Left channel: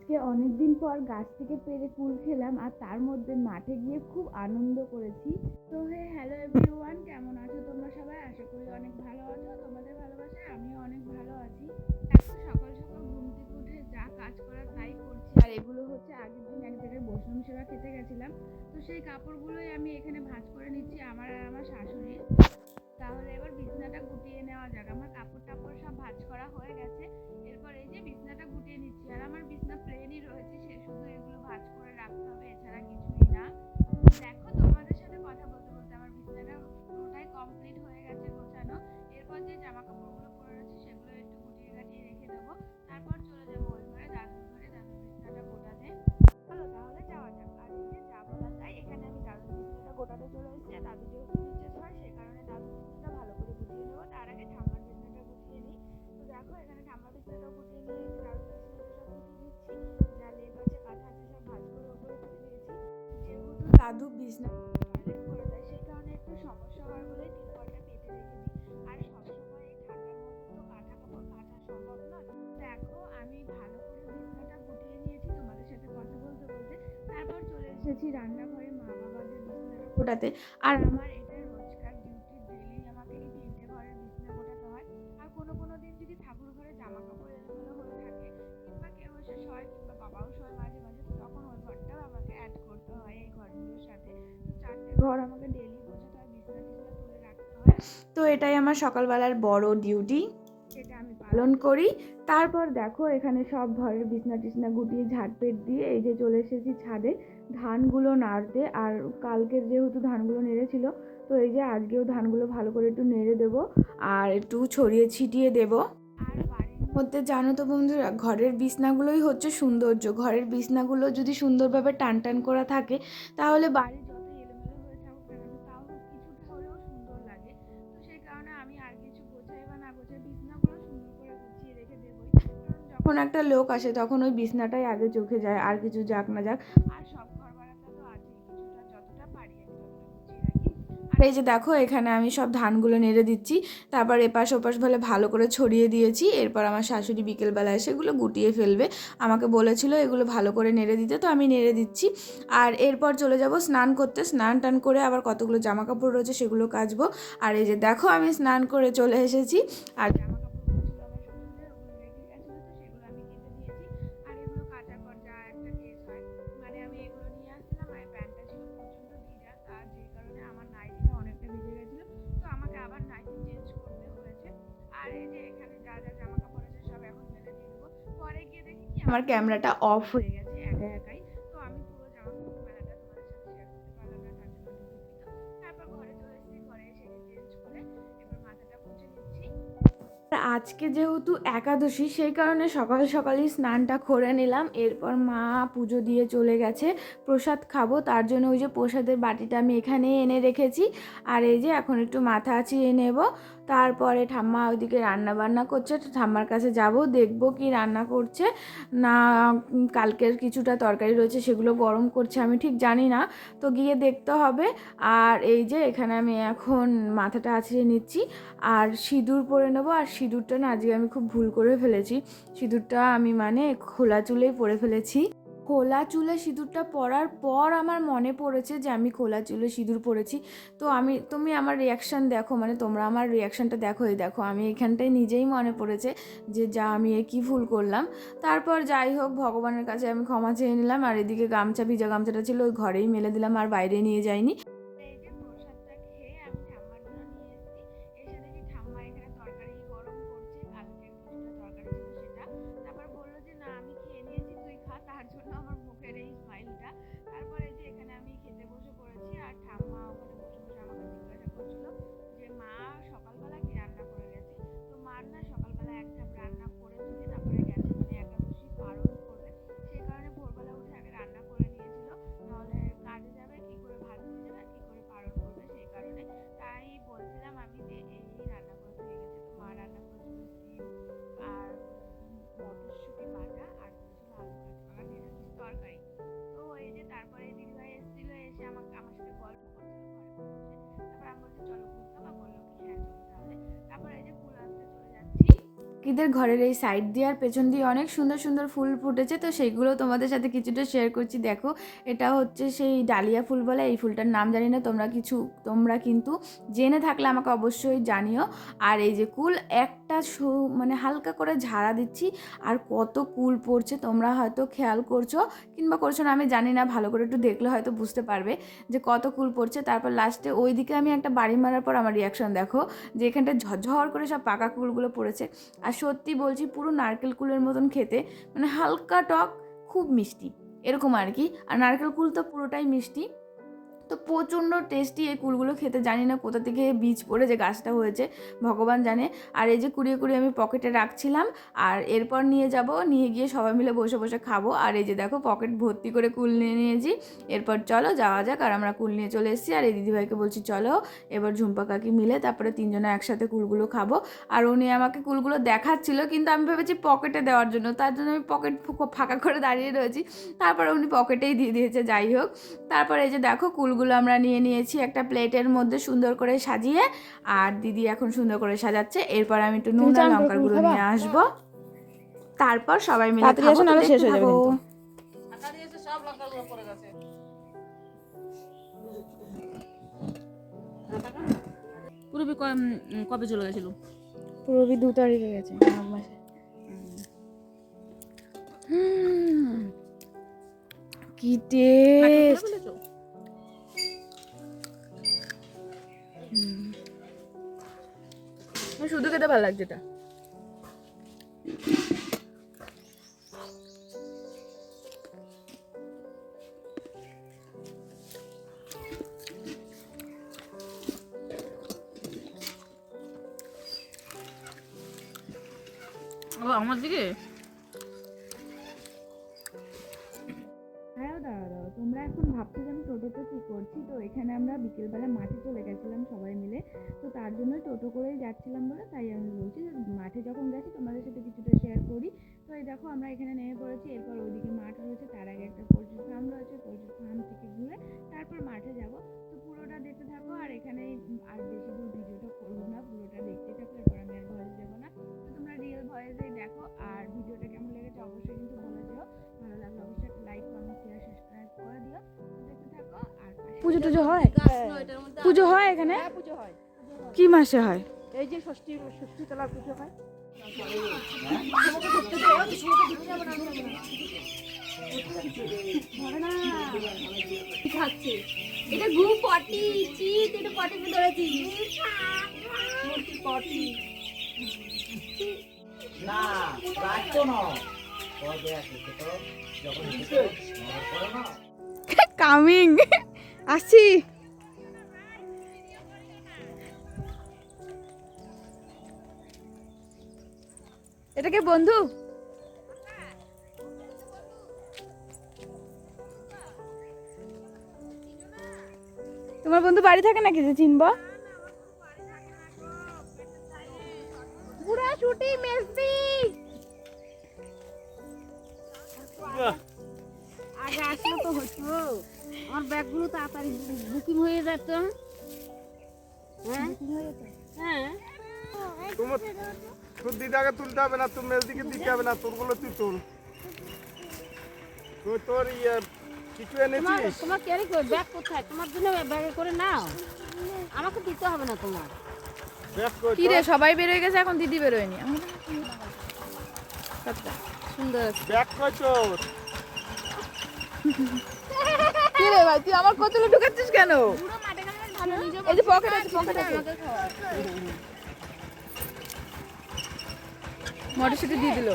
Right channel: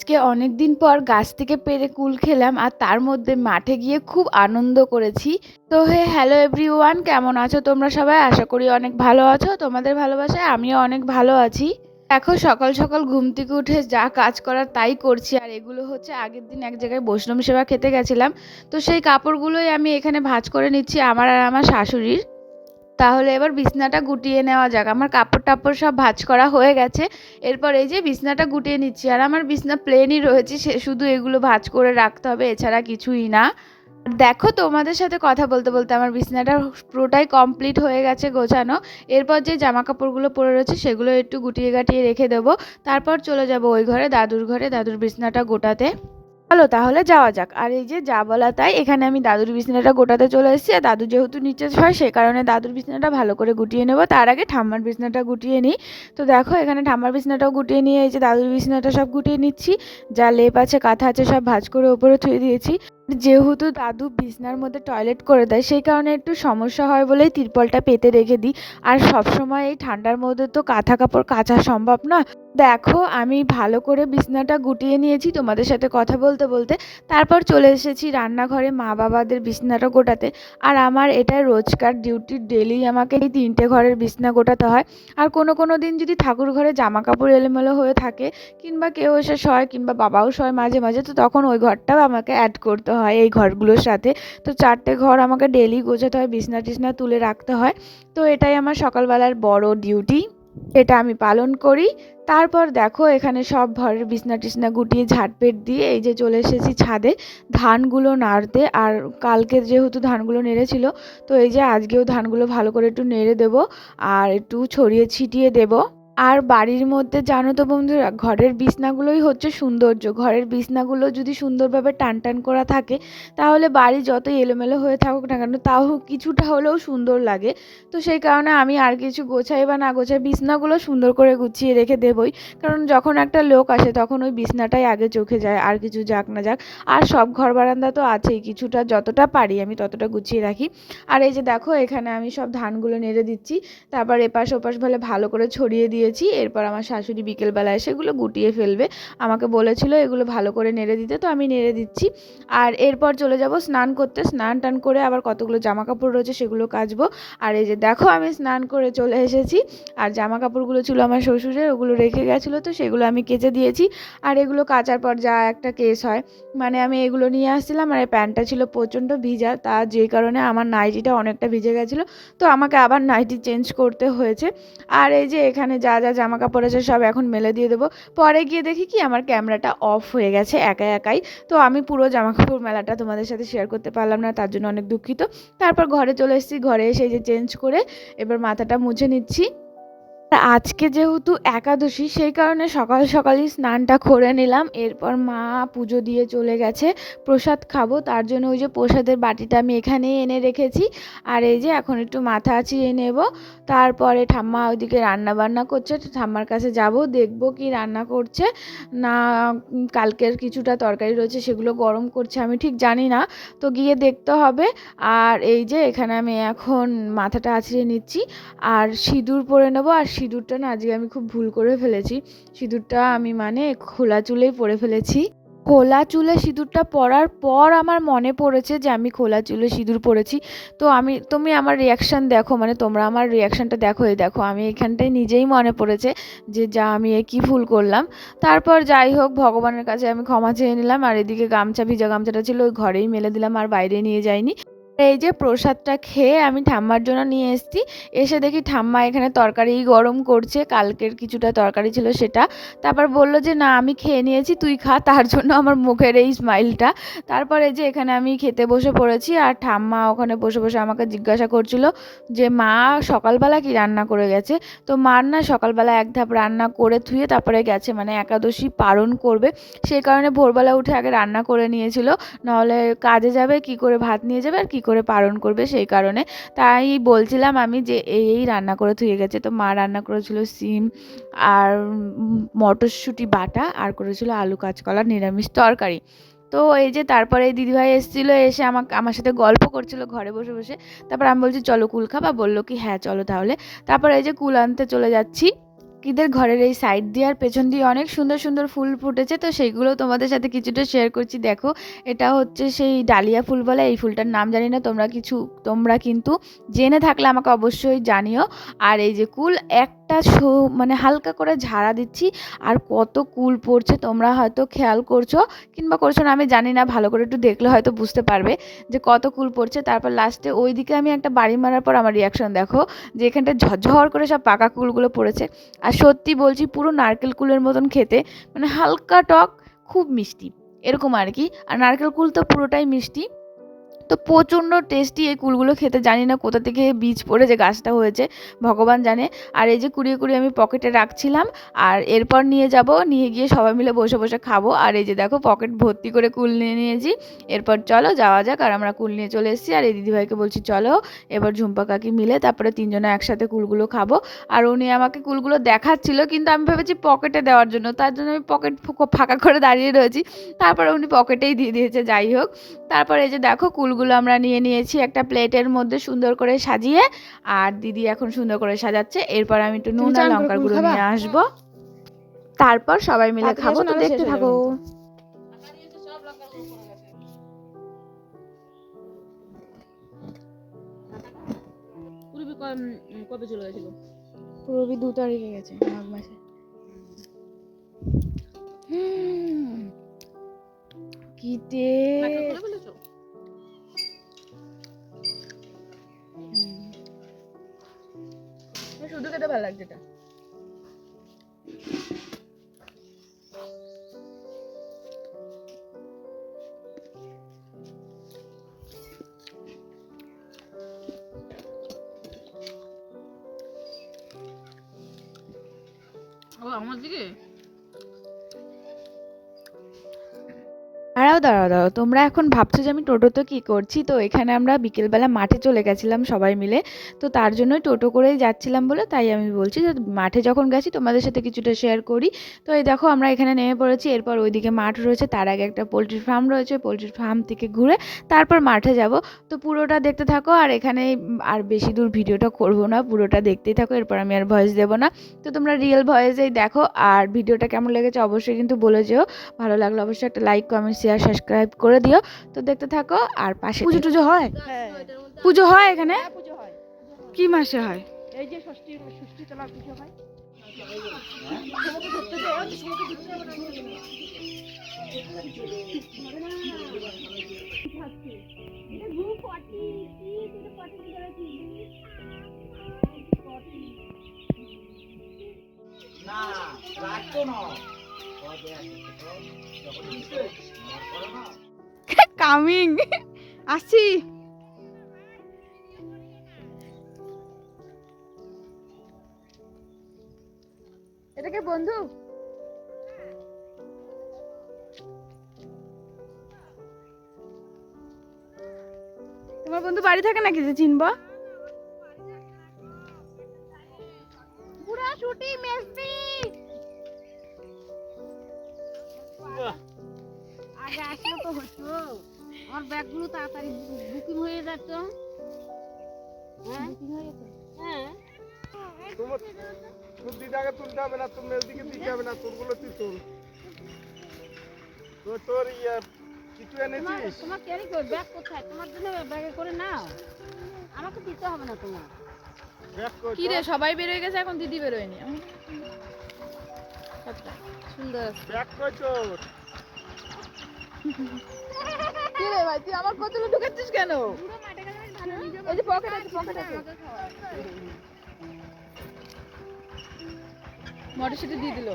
আজকে অনেক দিন পর গাছ থেকে পেড়ে কুল খেলাম আর তার মধ্যে মাঠে গিয়ে খুব আনন্দ করেছি। তো হ্যালো এভরিওয়ান, কেমন আছো তোমরা সবাই? আশা করি অনেক ভালো আছো। তোমাদের ভালোবাসায় আমিও অনেক ভালো আছি। দেখো, সকাল সকাল ঘুম থেকে উঠে যা কাজ করার তাই করছি। আর এগুলো হচ্ছে আগের দিন এক জায়গায় বৈষ্ণব সেবা খেতে গেছিলাম, তো সেই কাপড়গুলোই আমি এখানে ভাঁজ করে নিচ্ছি, আমার আর আমার শাশুড়ির। তাহলে এবার বিছনাটা গুটিয়ে নেওয়া যাক। আমার কাপড় টাপড় সব ভাঁজ করা হয়ে গেছে। এরপর এই যে বিছনাটা গুটিয়ে নিচ্ছি, আর আমার বিছনা প্লেনই রয়েছে, সে শুধু এগুলো ভাঁজ করে রাখতে হবে, এছাড়া কিছুই না। দেখো, তোমাদের সাথে কথা বলতে বলতে আমার বিছনাটা পুরোটাই কমপ্লিট হয়ে গেছে গোছানো। এরপর যে জামা কাপড়গুলো পরে রয়েছে সেগুলো একটু গুটিয়ে গাটিয়ে রেখে দেবো। তারপর চলে যাব ওই ঘরে, দাদুর ঘরে, দাদুর বিছনাটা গোটাতে। চলো তাহলে যাওয়া যাক। আর এই যে যা বলা তাই, এখানে আমি দাদুর বিছানাটা গোটাতে চলে এসেছি। আর দাদু যেহেতু নিচে হয়, সেই কারণে দাদুর বিছানাটা ভালো করে গুটিয়ে নেবো। তার আগে ঠাম্মার বিছানাটা গুটিয়ে নিই। তো দেখো, এখানে ঠাম্মার বিছানাটাও গুটিয়ে নিয়ে এই যে দাদুর বিছানাটা সব গুটিয়ে নিচ্ছি। যা লেপ আছে কাঁথা আছে সব ভাঁজ করে ওপরে থুয়ে দিয়েছি। যেহেতু দাদু বিছনার মধ্যে টয়লেট করে দেয়, সেই কারণে একটু সমস্যা হয় বলেই তিরপলটা পেতে রেখে দিই। আর সবসময় এই ঠান্ডার মধ্যে তো কাঁথা কাপড় কাচা সম্ভব না। দেখো, আমি ভালো করে বিছনাটা গুটিয়ে নিয়েছি তোমাদের সাথে কথা বলতে বলতে। তারপর চলে এসেছি রান্নাঘরে মা বাবাদের বিছনাটা গোটাতে। আর আমার এটা রোজকার ডিউটি, ডেলি আমাকে এই 3টে ঘরের বিছনা গোটাতে হয়। আর কোনো দিন যদি ঠাকুর ঘরে জামা কাপড় এলোমেলো হয়ে থাকে, কিংবা কেউ এসে শয়, কিংবা বাবাও শয় মাঝে মাঝে, তো তখন ওই ঘরটাও আমাকে অ্যাড করতে হয় এই ঘরগুলোর সাথে। তো 4টে ঘর আমাকে ডেলি গোছাতে হয়, বিছনা টিছনা তুলে রাখতে হয়। তো এটাই আমার সকালবেলার বড় ডিউটি, এটা আমি পালন করি। তারপর দেখো, এখানে সব ঘরের বিছনা টিছনা গুটিয়ে ঝাড়পেট দিয়ে এই যে চলে এসেছি ছাদে ধানগুলো নাড়তে। আর কালকে যেহেতু ধানগুলো নেড়েছিল, তো এই যে আজকেও ধানগুলো ভালো করে একটু নেড়ে দেবো আর একটু ছড়িয়ে ছিটিয়ে দেবো। আর বাড়ির মধ্যে জানো তো বন্ধুরা, ঘরের বিছনাগুলোই হচ্ছে সৌন্দর্য। ঘরের বিছনাগুলো যদি সুন্দরভাবে টান টান করা থাকে, তাহলে বাড়ি যতই এলোমেলো হয়ে থাকুক না কেন, তাও কিছুটা হলেও সুন্দর লাগে। তো সেই কারণে আমি আর কিছু গোছাই বা না গোছাই, বিছনাগুলো সুন্দর করে গুছিয়ে রেখে দেবই। কারণ যখন একটা লোক আসে তখন ওই বিছনাটাই আগে চোখে যায়, আর কিছু যাক না যাক। আর সব ঘর বারান্দা তো আছেই, কিছুটা যতটা পারি আমি ততটা গুছিয়ে রাখি। আর এই যে দেখো, এখানে আমি সব ধানগুলো নেড়ে দিচ্ছি। তারপর এপাশ ওপাশ ভালো করে ছড়িয়ে দিয়েছি। এরপর আমার শাশুড়ি বিকেলবেলা এসে এগুলো গুটিয়ে ফেলবে। আমাকে বলেছিল এগুলো ভালো করে নেড়ে দিতে, তো আমি নেড়ে দিচ্ছি। আর এরপর চলে যাব স্নান করতে। স্নান টান করে আবার কতগুলো জামা কাপড় রয়েছে সেগুলো কাচবো। আর এই যে দেখো, আমি স্নান করে চলে এসেছি। আর জামা কাপড়গুলো ছিল আমার শ্বশুরের, ওগুলো রেখে গেছিলো, তো সেগুলো আমি কেচে দিয়েছি। আর এগুলো কাচার পর যা একটা কেস হয়, মানে আমি এগুলো নিয়ে আসছিলাম। আর এই প্যান্টটা ছিল প্রচণ্ড ভিজা, তার যে কারণে আমার নাইটিটা অনেকটা ভিজে গেছিলো, তো আমাকে আবার নাইটি চেঞ্জ করতে হয়েছে। আর এই যে এখানে যা যা জামা কাপড় আছে সব এখন মেলে দিয়ে দেবো। পরে গিয়ে দেখি কি আমার ক্যামেরাটা অফ হয়ে গেছে একাই। তো আমি পুরো জামা কাপড় মেলাটা তোমাদের সাথে শেয়ার করতে পারলাম না, তার জন্য অনেক দুঃখিত। তারপর ঘরে চলে এসেছি, ঘরে এসে এই যে চেঞ্জ করে এবার মাথাটা মুছে নিচ্ছি। আজকে যেহেতু একাদশী, সেই কারণে সকাল সকালই স্নানটা করে নিলাম। এরপর মা পুজো দিয়ে চলে গেছে, প্রসাদ খাবো, তার জন্য ওই যে প্রসাদের বাটিটা আমি এখানে এনে রেখেছি। আর এই যে এখন একটু মাথা আঁচিয়ে নেব। তারপরে ঠাম্মা ওইদিকে রান্না বান্না করছে, ঠাম্মার কাছে যাব, দেখবো কি রান্না করছে না। কালকের কিছুটা তরকারি রয়েছে, সেগুলো গরম করছে, আমি ঠিক জানি না, তো গিয়ে দেখতে হবে। আর এই যে এখানে আমি এখন মাথাটা আঁচড়ে নিচ্ছি আর সিঁদুর পরে নেবো। আর সিঁদুরটা না, আজকে আমি খুব ভুল করে ফেলেছি। সিঁদুরটা আমি মানে খোলা চুলেই পরে ফেলেছি। খোলা চুলে সিঁদুরটা পরার পর আমার মনে পড়েছে যে আমি খোলা চুলে সিঁদুর পরেছি। তো তুমি আমার রিয়াকশান দেখো, মানে তোমরা আমার রিয়াকশানটা দেখো। এই দেখো, আমি এখানটায় নিজেই মনে পড়েছে যে যা আমি কী ভুল করলাম। তারপর যাই হোক, ভগবানের কাছে আমি ক্ষমা চেয়ে নিলাম। আর এদিকে গামছা, ভিজা গামছাটা ছিল ওই ঘরেই মেলে দিলাম, আর বাইরে নিয়ে যাইনি। এই যে প্রসাদটা খেয়ে আমি ঠাম্মার জন্য নিয়ে এসেছি। এসে দেখি ঠাম্মা এখানে তরকারি গরম করছে, কালকের কিছুটা তরকারি ছিল সেটা। তারপর বলল যে না, আমি খেয়ে নিয়েছি, তুই খা। তার জন্য আমার মুখের এই স্মাইলটা। তারপরে যে এখানে আমি খেতে বসে পড়েছি। আর ঠাম্মা ওখানে বসে বসে আমাকে জিজ্ঞাসা করছিল যে মা সকালবেলা কি রান্না করে গেছে। তো মার না সকালবেলা এক ধাপ রান্না করে ধুয়ে তারপরে গেছে, মানে একাদশী পালন করবে, সেই কারণে ভোরবেলা উঠে আগে রান্না করে নিয়েছিল। নাহলে কাজে যাবে কি করে, ভাত নিয়ে যাবে আর কি করে পালন করবে, সেই কারণে। তাই বলছিলাম আমি যে এই রান্না করে ধুয়ে গেছে। তো মা রান্না করেছিল সিম আর মটরশুঁটি বাটা, আর করেছিল আলু কাঁচকলা নিরামিষ তরকারি। তো এই যে তারপরে এই দিদিভাই এসেছিলো, এসে আমার সাথে গল্প করছিল ঘরে বসে বসে। তারপর আমি বলছি চলো কুল খাবা, বললো কি হ্যাঁ চলো তাহলে। তারপর এই যে কুল আনতে চলে যাচ্ছি। কাকিদের ঘরের এই সাইড দিয়ে আর পেছন দিয়ে অনেক সুন্দর সুন্দর ফুল ফুটেছে, তো সেইগুলো তোমাদের সাথে কিছুটা শেয়ার করছি। দেখো এটা হচ্ছে সেই ডালিয়া ফুল বলে, এই ফুলটার নাম জানি না, তোমরা কিন্তু জেনে থাকলে আমাকে অবশ্যই জানিও। আর এই যে কুল একটা মানে হালকা করে ঝাড়া দিচ্ছি, আর কত কুল পড়ছে তোমরা হয়তো খেয়াল করছো কিংবা করছো না আমি জানি না, ভালো করে একটু দেখলে হয়তো বুঝতে পারবে যে কত কুল পড়ছে। তারপর লাস্টে ওইদিকে আমি একটা বাড়ি মারার পর আমার রিয়াকশন দেখো, যে এখানটা ঝরঝর করে সব পাকা কুলগুলো পড়েছে। আর সত্যি বলছি পুরো নারকেল কুলের মতন খেতে, মানে হালকা টক, খুব মিষ্টি এরকম আর কি। আর নারকেল কুল তো পুরোটাই মিষ্টি, তো প্রচণ্ড টেস্টি এই কুলগুলো খেতে। জানি না কোথা থেকে বীজ পড়ে যে গাছটা হয়েছে, ভগবান জানে। আর এই যে কুড়িয়ে কুড়িয়ে আমি পকেটে রাখছিলাম, আর এরপর নিয়ে গিয়ে সবাই মিলে বসে বসে খাবো। আর এই যে দেখো পকেট ভর্তি করে কুল নিয়ে নিয়েছি। এরপর চলো যাওয়া যাক, আর আমরা কুল নিয়ে চলে এসেছি। আর এই দিদিভাইকে বলছি চলো এবার ঝুম্পা কাকি মিলে তারপরে তিনজনে একসাথে কুলগুলো খাবো। আর উনি আমাকে কুলগুলো দেখাচ্ছিল, কিন্তু আমি ভেবেছি পকেটে দেওয়ার জন্য, তার জন্য আমি পকেট ফাঁকা করে দাঁড়িয়ে রয়েছি। তারপরে উনি পকেটেই দিয়ে দিয়েছে, যাই হোক। তারপরে এই যে দেখো কুলগুলো আমরা নিয়ে নিয়েছি একটা প্লেটের মধ্যে সুন্দর করে সাজিয়ে, আর দিদি এখন সুন্দর করে সাজাচ্ছে। এরপর আমি একটু নুন আর লঙ্কার গুঁড়ো নিয়ে আসবো, তারপর সবাই মিলে খাবো, নাহলে শেষ হয়ে যাবে কিন্তু। পুরবি কবে চলে গেছিল? পুরবি 2 তারিখে গেছে, মাঘ মাসে। কি টেস্ট! শুধু খেতে ভালো লাগছে এটা। আমার দিকে দাঁড়াও, তোমরা এখন ভাবছো যে আমি টোটোতে কী করছি। তো এখানে আমরা বিকেলবেলা মাঠে চলে গেছিলাম সবাই মিলে, তো তার জন্যই টোটো করেই যাচ্ছিলাম বলে তাই আমি বলছি যে মাঠে যখন গেছি তোমাদের সাথে কিছুটা শেয়ার করি। তো এই দেখো আমরা এখানে নেমে পড়েছি, এরপর ওইদিকে মাঠ রয়েছে, তার আগে একটা পোলট্রির ফার্ম রয়েছে, পোলট্রির ফার্ম থেকে ঘুরে তারপর মাঠে যাব। তো পুরোটা দেখতে থাকো, আর এখানে আর বেশি দূর ভিডিওটা করবো না, পুরোটা দেখতেই থাকো, এরপর আমি আর ভয়েস দেবো না। তো তোমরা রিয়েল ভয়েসেই দেখো, আর ভিডিওটা কেমন লেগেছে অবশ্যই কিন্তু বলে যেও। ভালো লাগলে অবশ্যই একটা লাইক কমেন্ট শেয়ার সাবস্ক্রাইব করে দিও। তো দেখতে থাকো, আর পাশে পুজো টুজো হয়, পুজো হয় এখানে কি মাসে হয়? এই যে ষষ্ঠী তলার পুজো হয়। এটা গু পটি চিট, এটা পটি ধরেছি পটি না রাখতো না কামিং আসি। এটা কে বন্ধু? তোমার বন্ধু বাড়ি থাকে নাকি যে চিনবো? পুরা ছুটি মেসি আগে আসলে তো হতো, আমার ব্যাগগুলো তাড়াতাড়ি বুকিং হয়ে যেত। হ্যাঁ হ্যাঁ তোর দিদাকে তুলতে হবে না, তোর মেজদিকে দিতে হবে না, তোরগুলো তুই তোল। তোর কিছু এনেছিস? তোমার ক্যারি করে ব্যাগ কোথায়? তোমার জন্য ব্যাগে করে নাও, আমাকে দিতে হবে না তোমার। কি রে সবাই বের হয়ে গেছে, এখন দিদি বেরোয়নি। সুন্দর আছে ব্যাগ কই তোর? কি রে ভাই, তুই আমার কতগুলো ঢুকাচ্ছিস কেন? পুরো মাঠে গেলে ভালো নিজে এই যে পকেট আছে, পকেট আছে, আমাকে খাওয়া। মটরশুঁটি দিয়ে দিল।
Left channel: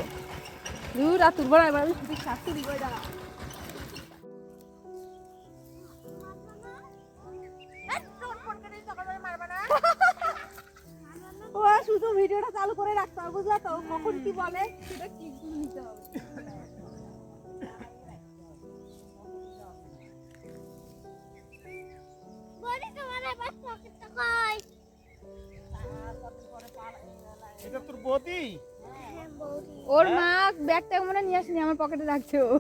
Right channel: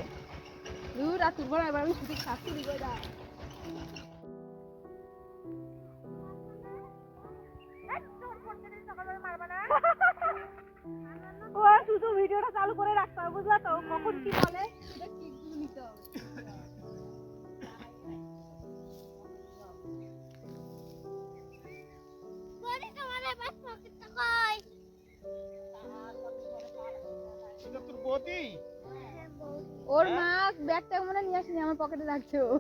দূর আর তুলবো না, এবার আমি শুধু শাস্তি দিব এটা। ও শুধু ভিডিওটা চালু করে রাখতে হবে, বুঝলা তো? কখন কি বলে সেটা কি নিতে হবে। এটা তোর বৌদি? ওর মা ব্যাগটা মনে নিয়ে আসেনি, আমার পকেটে রাখছে ও।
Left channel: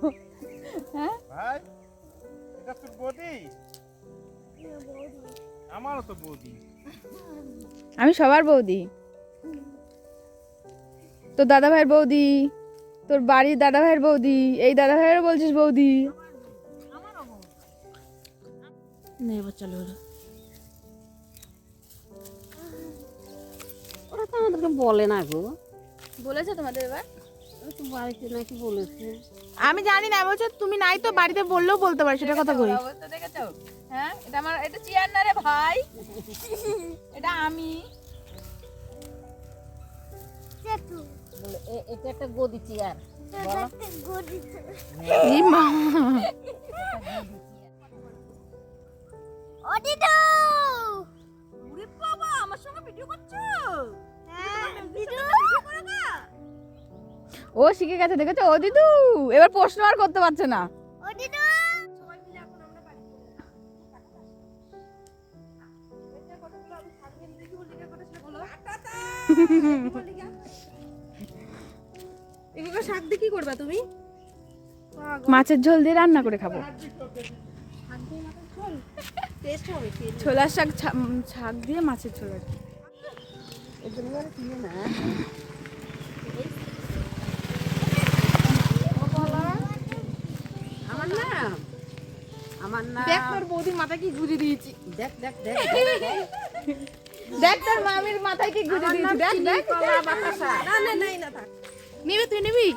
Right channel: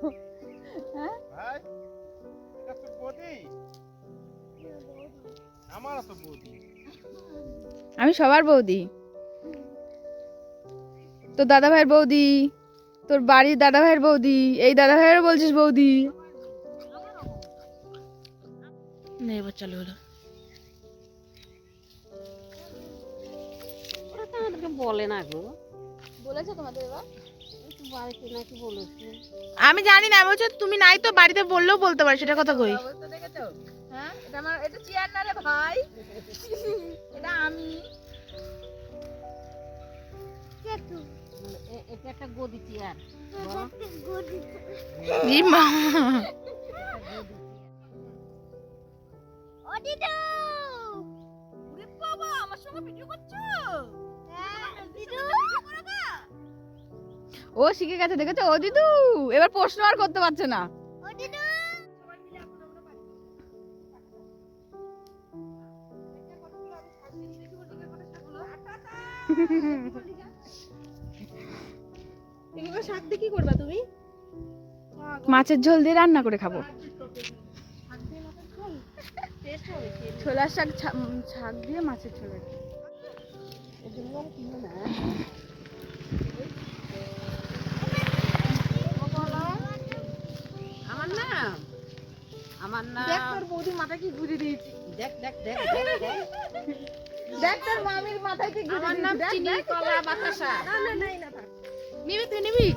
হ্যাঁ ভাই এটা তোর বৌদি? আমারও তো বৌদি। আমি সবার বৌদি। তোর দাদা ভাইয়ের বৌদি, তোর বাড়ির দাদা ভাইয়ের বৌদি, এই দাদা ভাইয়ের বলছিস বৌদি। না এবার চালু হলো। ওরা তো আমাদেরকে বলে না গো, বলেছে তোমাদের এবার? ওরা তো বাড়িতে নাকি বলেছে। আমি জানি না, বলছো তুমি নাই তো বাড়িতে বললেও বলতে পারি, সেটা কথা কই। অবস্থা দেখেছো? হ্যাঁ, এটা আমার, এটা চেয়ার না রে ভাই, এটা আমি। বলে, এটা একটা গদি চেয়ার। ই মা, ও শিখে গেছে, দেখেছো? ও দিদু এবার প্রশ্ন আর করতে পারছে না। এগুলো শাক দিয়ে কি করবা তুমি? মাছের ঝোল দিয়ে রান্না করে খাবো। টেস্ট হবে খেয়ে। ছোলার শাক, শাক দিয়ে মাছের ঝোল আর কি। আমার না, দেখ তোর বৌদির মাথায় কি গুঁজে দিয়েছি, দেখ দেখ দেখ দেখ তোর মামির মাথায় কি গুঁজে দিয়েছি, দেখ দেখ। না না নাই না থাক। নিবি তুই নিবি?